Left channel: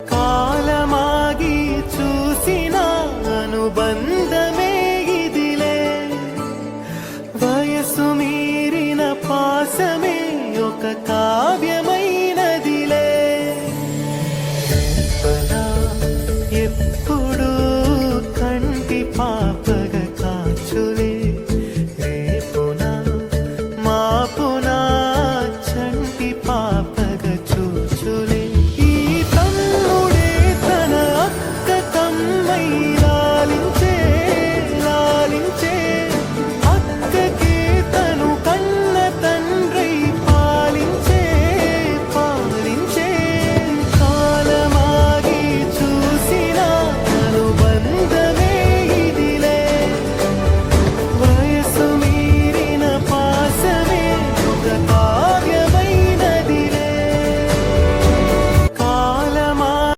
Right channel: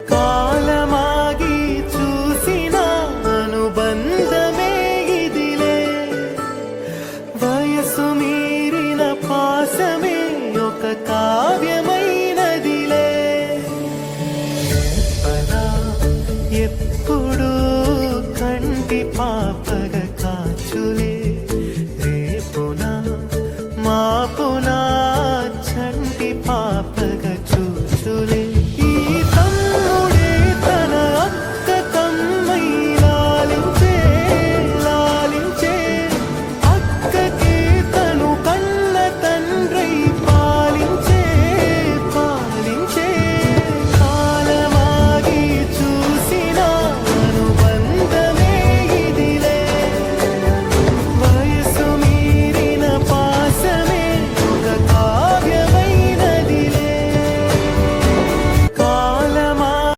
కాలమాగి చూసిన అనుబంధమే ఇదిలే, వయసు మీరిన పాసమే ఒక కావ్యమైనదిలే. రేపలా ఎప్పుడు కంటి పాపగ కాచులే.